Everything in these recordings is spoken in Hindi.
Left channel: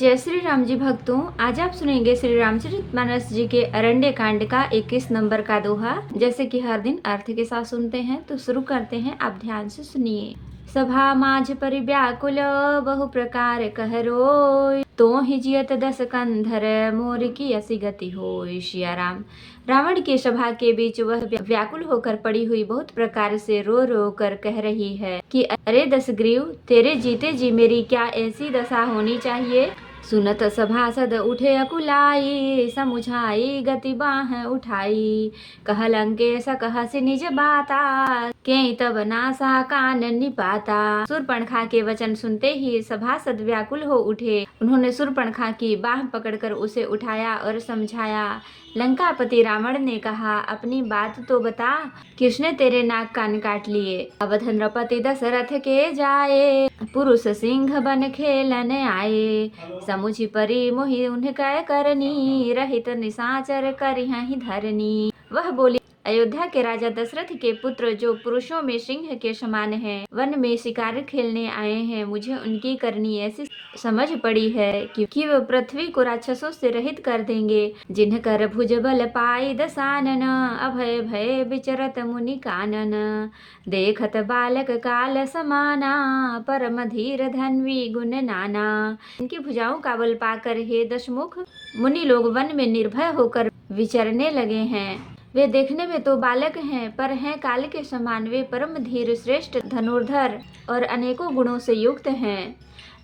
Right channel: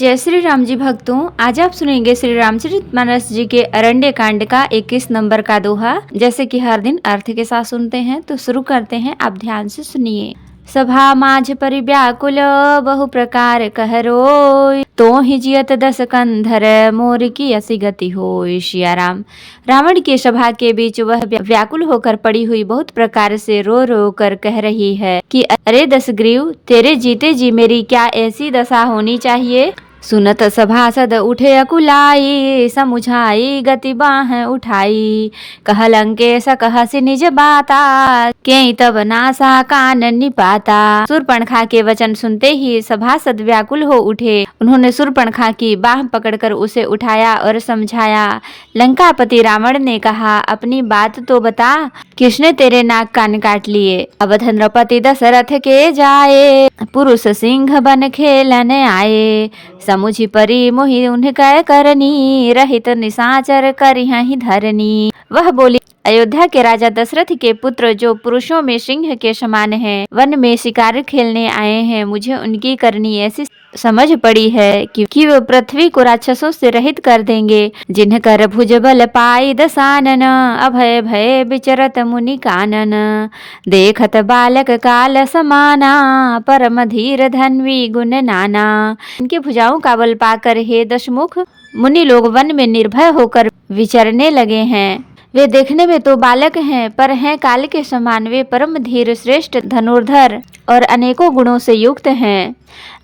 जय श्री राम जी भक्तों, आज आप सुनेंगे श्री रामचरितमानस जी के अरण्य कांड का 21 नंबर का दोहा। जैसे कि हर दिन अर्थ के साथ सुनते हैं तो शुरू करते हैं, आप ध्यान से सुनिए। सभा माझ परिव्याकुल बहु प्रकार कहरो, तो ही जियत दस कंधर मोर की असी गति होय। सिया राम। रावण की सभा के बीच वह व्याकुल होकर पड़ी हुई बहुत प्रकार से रो रो कर कह रही है कि अरे दशग्रीव, तेरे जीते जी मेरी क्या ऐसी दशा होनी चाहिए। सुनत सभासद उठे अकुलाई, समुझाई गति बाह उठाई। कह लंकेश कहसि निज बाता, के तब नासा कान निपाता। शूर्पणखा के वचन सुनते ही सभासद व्याकुल हो उठे। उन्होंने शूर्पणखा की बाह पकड़कर उसे उठाया और समझाया। लंकापति रावण ने कहा, अपनी बात तो बता, किसने तेरे नाक कान काट लिए। अवध नृपति दशरथ के जाए, पुरुष सिंह बन खेलने आए। समुझि परी मोहि उनका करनी, रहित निशाचर करिहहि धरनी। वह बोली, अयोध्या के राजा दशरथ के पुत्र जो पुरुषों में सिंह के समान हैं, वन में शिकार खेलने आए हैं। मुझे उनकी करनी ऐसी समझ पड़ी है कि वो पृथ्वी को राक्षसों से रहित कर देंगे। जिन्ह कर भुज बल पाई दसानन, अभय भय विचरत मुनि कानन। देखत बालक काल समाना, परम धीर धन्वी गुण नाना। इनके भुजाओं का बल पाकर हे दशमुख, मुनि लोग वन में निर्भय होकर विचरने लगे हैं। वे देखने में तो बालक हैं, पर हैं काल के समान। वे परम धीर, श्रेष्ठ धनुर्धर और अनेकों गुणों से युक्त हैं।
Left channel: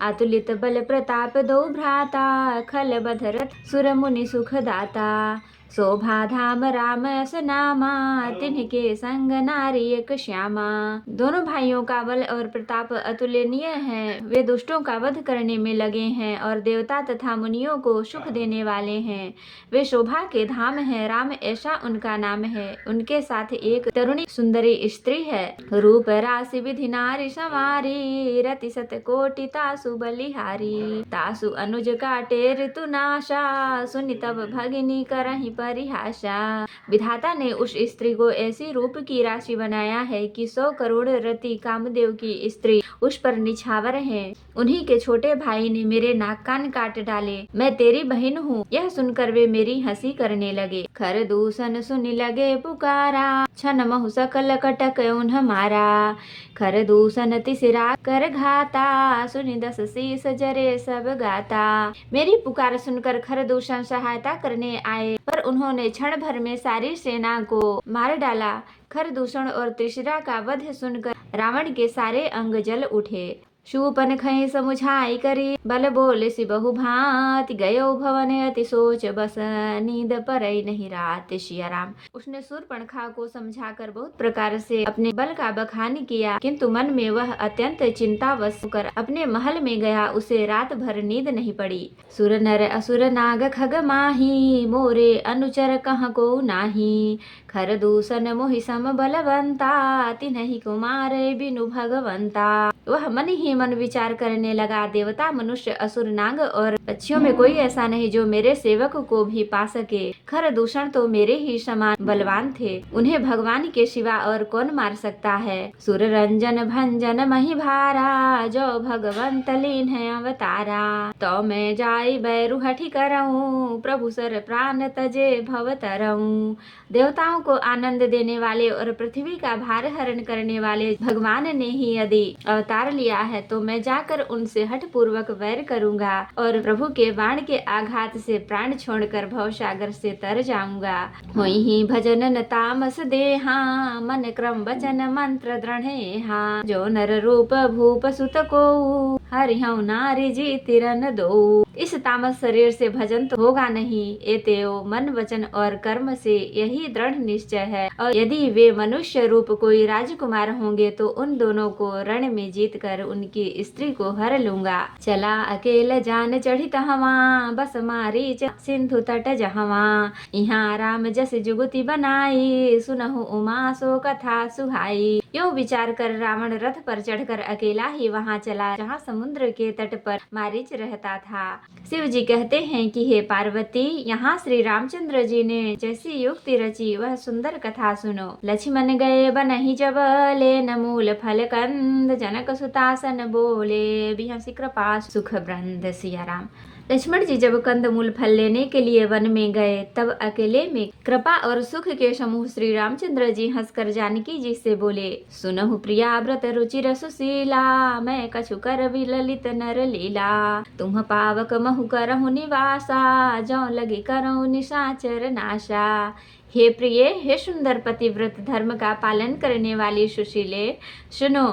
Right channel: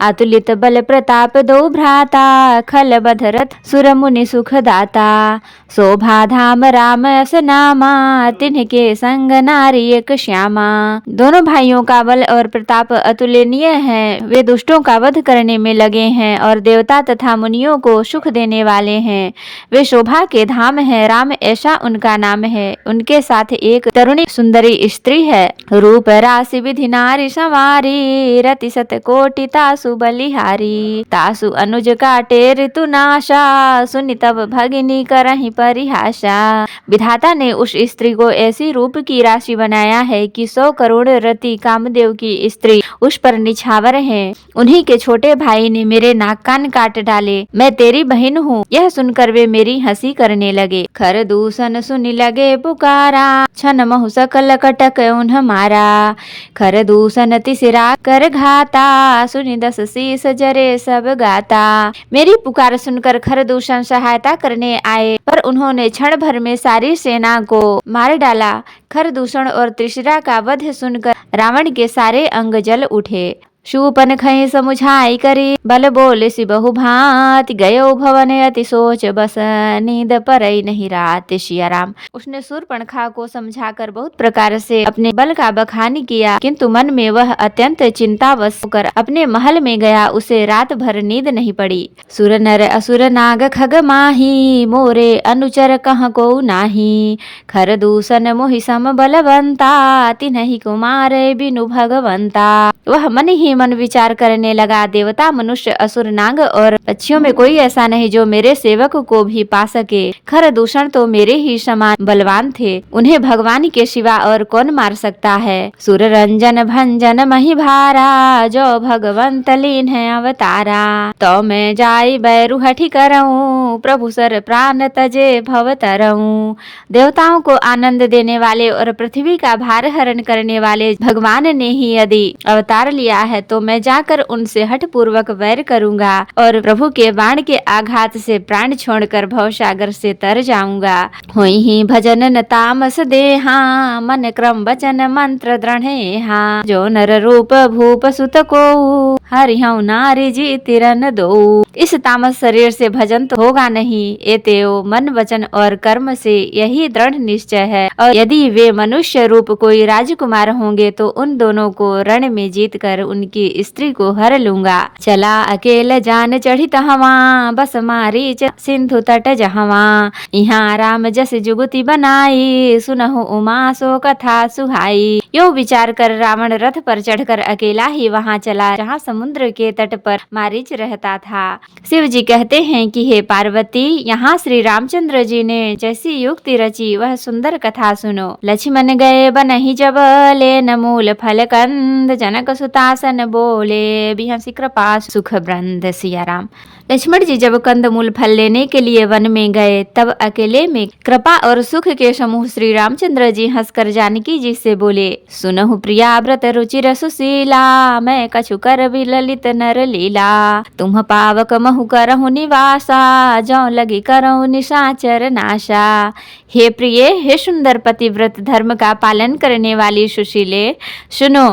अतुलित बल प्रताप दो भ्राता, खल बधरथ सुर मुनि सुख दाता। शोभा धाम राम यस नामा, तिन्ह संग नारी एक श्यामा। दोनों भाइयों का बल और प्रताप अतुलनीय है। वे दुष्टों का वध करने में लगे हैं और देवता तथा मुनियों को सुख देने वाले हैं। वे शोभा के धाम हैं, राम ऐसा उनका नाम है। उनके साथ एक तरुणी सुंदरी स्त्री है। रूप राशि विधि नारी संवारी, रति सत कोटि तासु बलिहारी। तासु अनुज काटे ऋतु नाशा, सुनि तब भगिनी करहि परिहासा। विधाता ने उस स्त्री को ऐसी रूप की राशि बनाया है कि 100 करोड़ रति कामदेव की स्त्री उस पर निछावर है। उन्हीं के छोटे भाई ने मेरे नाक कान काट डाले। मैं तेरी बहन हूँ। यह सुनकर वे मेरी हंसी करने लगे। खर दूषण सुनि लगे पुकारा, छन महु सकल कटक उन्ह मारा। खर दूषण तिसिरा कर घाता, सुनि दस शीस जरे सब गाता। मेरी पुकार सुनकर खरदूषण सहायता करने आए, पर उन्होंने क्षण भर में सारी सेना को मार डाला। खरदूषण और त्रिशिरा का वध सुनकर रावण के सारे अंग जल उठे। शूपन खई समुझाई करी, बल बोले सि बहु भांति। गयो भवन अति सोच बस, नींद परई नहीं रात। सिया राम। उसने शूर्पणखा को समझाकर बहुत प्रकार से अपने बल का बखान किया, किंतु मन में वह अत्यंत चिंतावश होकर अपने महल में गया। उसे रात भर नींद नहीं पड़ी। सुर नर असुर नाग खग माही, मोरे अनुचर कह को नाही। खरदूषण मोहि सम बलवंता, तिन्हि कुमार बिनु भगवंता। वह मन ही मन विचार करने लगा, देवता मनुष्य असुर नाग और पक्षियों में कोई ऐसा नहीं जो मेरे सेवक को भी पा सके। खरदूषण तो मेरे ही समान बलवान थे, उन्हें भगवान के सिवा और कौन मार सकता है। सुर रंजन भंजन मही भारा, जो भगवंत लीन है अवतारा। तो मैं जाई बैरु हठी करऊं, प्रभु सर प्राण तजे भव तरऊं। देवताओं को आनंद देने वाले और पृथ्वी का भार हरण करने वाले भगवान ने ही यदि अवतार लिया है, तो मैं जाकर उनसे हठ पूर्वक वैर करूंगा और प्रभु के बाण के आघात से प्राण छोड़कर भवसागर से तर जाऊंगा। होई ही भजन न तामस देहा, मन क्रम वचन मंत्र दृढ़ेहा। जो नर रूप भूप सुत को, हरिहु नारी जी तिरन दो। इस तामस शरीर से भजन तो होगा नहीं, एतेओ मन वचन और कर्म से यही दृढ़ निश्चय है। और यदि वे मनुष्य रूप कोई राजकुमार होंगे तो उन दोनों को रण में जीत कर उनकी स्त्री को हर लूंगा। चला अकेल जान चढ़ी तहवा, बस मारी सिंधु तट जहवा। यहाँ राम जस जुगति बनाई, सुनहु उमा सो कथा सुहाई। यो विचार कर रावण रथ पर चढ़कर अकेला ही वहाँ चला जहाँ समुद्र के तट पर मारीच रहता था। शिव जी कहते हैं कि हे पार्वती, यहाँ श्री रामचंद्र जी ने जैसी युक्ति रची वह सुंदर कथा सुनो। लक्ष्मण गए बनहि जब, लेन मूल फल कंद। जनक सुतासन बोले, बिहसि कृपा सुख ब्रंद। सिया राम। लक्ष्मण जी जब कंदमूल फल लेने के लिए वन में गए तब अकेले में कृपा और सुख के समूह श्री रामचंद्र जी हंसकर जानकी जी से बोले, सुनहु प्रिया व्रत रुचिर सुशीला, मैं कछु कर भी ललित नर लीला, तुम पावक महु करहु निवासा, जौ लगी करहु निशाचर नाशा। हे प्रिय, हे सुंदर पतिव्रत धर्म का पालन करने वाली सुशीले, सुनो,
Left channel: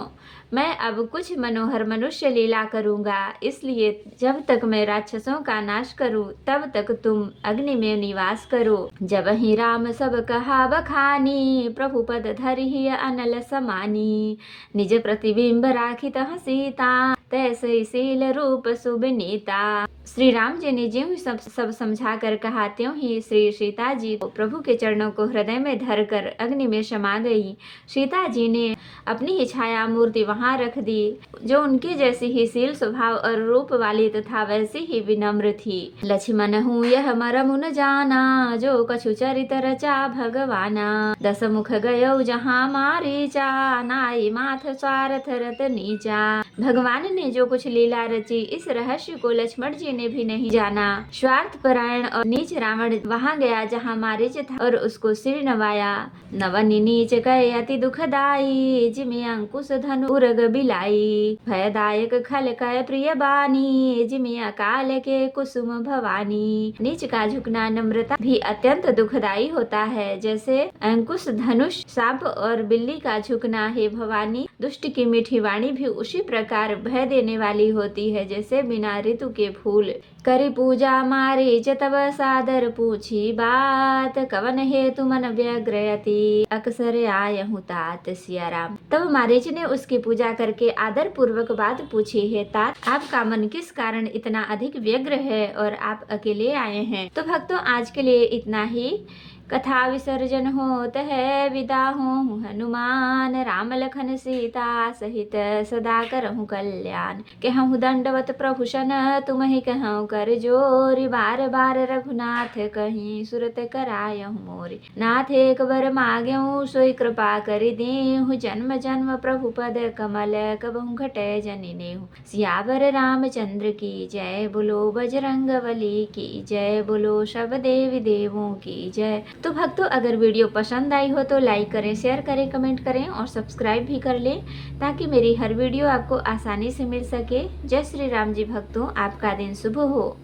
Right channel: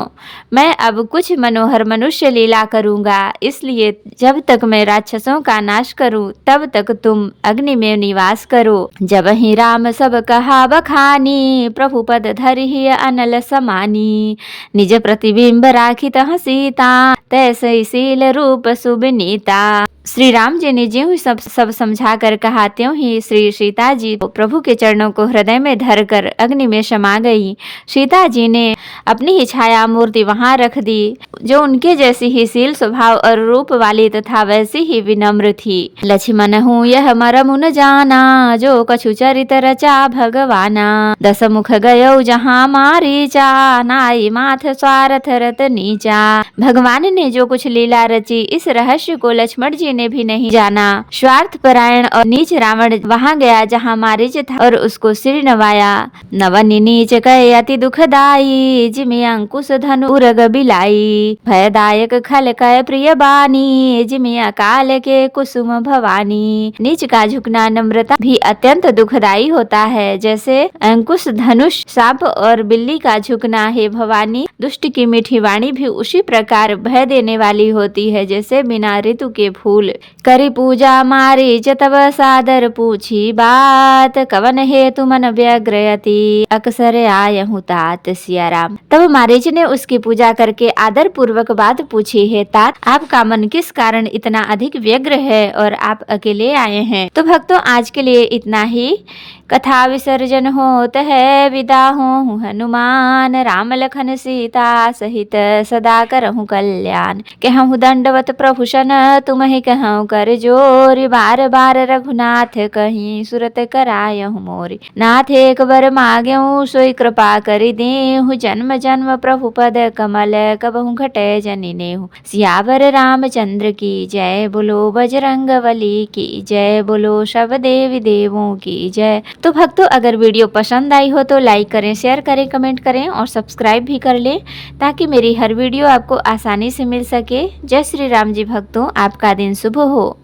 मैं अब कुछ मनोहर मनुष्य लीला करूंगा, इसलिए जब तक मैं राक्षसों का नाश करूं तब तक तुम अग्नि में निवास करो। जब ही राम सब कहा बखानी, प्रभु पद धरि अनल समानी, निज प्रतिबिंब राखित सीता, तैसे शील रूप सुबनीता। श्री राम जी ने ज्यों ही सब समझा कर कहा त्यों ही श्री सीता जी प्रभु के चरणों को हृदय में धरकर अग्नि में समा गई। सीता जी ने अपनी ही छाया मूर्ति वहां रख दी, जो उनके जैसी ही शील स्वभाव और रूप वाली तथा वैसी ही विनम्र थी। लक्ष्मण हूँ यह मरमु न जाना, जो कछु चरित रचा भगवाना, दस मुख गयो जहाँ मारीचा, नाई माथ स्वार्थ रत नीचा। भगवान ने जो कुछ लीला रची इस रहस्य को लक्ष्मण जी ने भी नहीं जाना। स्वार्थ परायण और नीच रावण वहां गया जहां मारीच था और उसको सिर नवाया। नवनी नीच कहे अति दुखदाई, जिमे अंकुश धनु उरग बिलाई, भयदायक खल कय प्रिय बानी, जिमे अकाल के कुसुम भवानी। नीच का झुकना नम्रता भी अत्यंत दुखदाई होता है, जैसे अंकुश धनुष सांप और बिल्ली का झुकना है भवानी। दुष्ट की मीठी वाणी भी उसी प्रकार भय देने वाली होती है, जैसे बिना ऋतु के फूल। करी पूजा मारी जतव सादर पूछी बात, कवन हेतु मन व्यग्रयति, अक्सर आयहु तात। सिया राम। तब मारीच ने उसकी पूजा करके आदर पूर्वक बात पूछी है, तात आपका मन किस कारण इतना अधिक व्यग्र है और आप अकेले आए हैं। तो भक्तों, आज के लिए इतना ही। कथा विसर्जन होत है, विदा हूँ हनुमान, राम लखन सीता सहित सदा करहु कल्याण। कहूँ दंडवत प्रभु सन, तुम्हें कहूँ कर जोरी, बार बार रघुनाथ कहीं सुरत करायहु मोरी। नाथ एक बर मांगेहूँ सोई कृपा करि देहु, जन्म जन्म प्रभु पद कमल कबहु घटे जनि नेहु। सियावर रामचंद्र की जय, बोलो बजरंगबली की जय, बोलो सब देवी देवों की जय। तो भक्तों, अगर वीडियो पसंद आई हो तो लाइक करें, शेयर करें, कमेंट करें और सब्सक्राइब भी कर लें, ताकि मेरी हर वीडियो आपको आसानी से मिल सके। जय श्री राम जी। भक्तों, आपका दिन शुभ हो।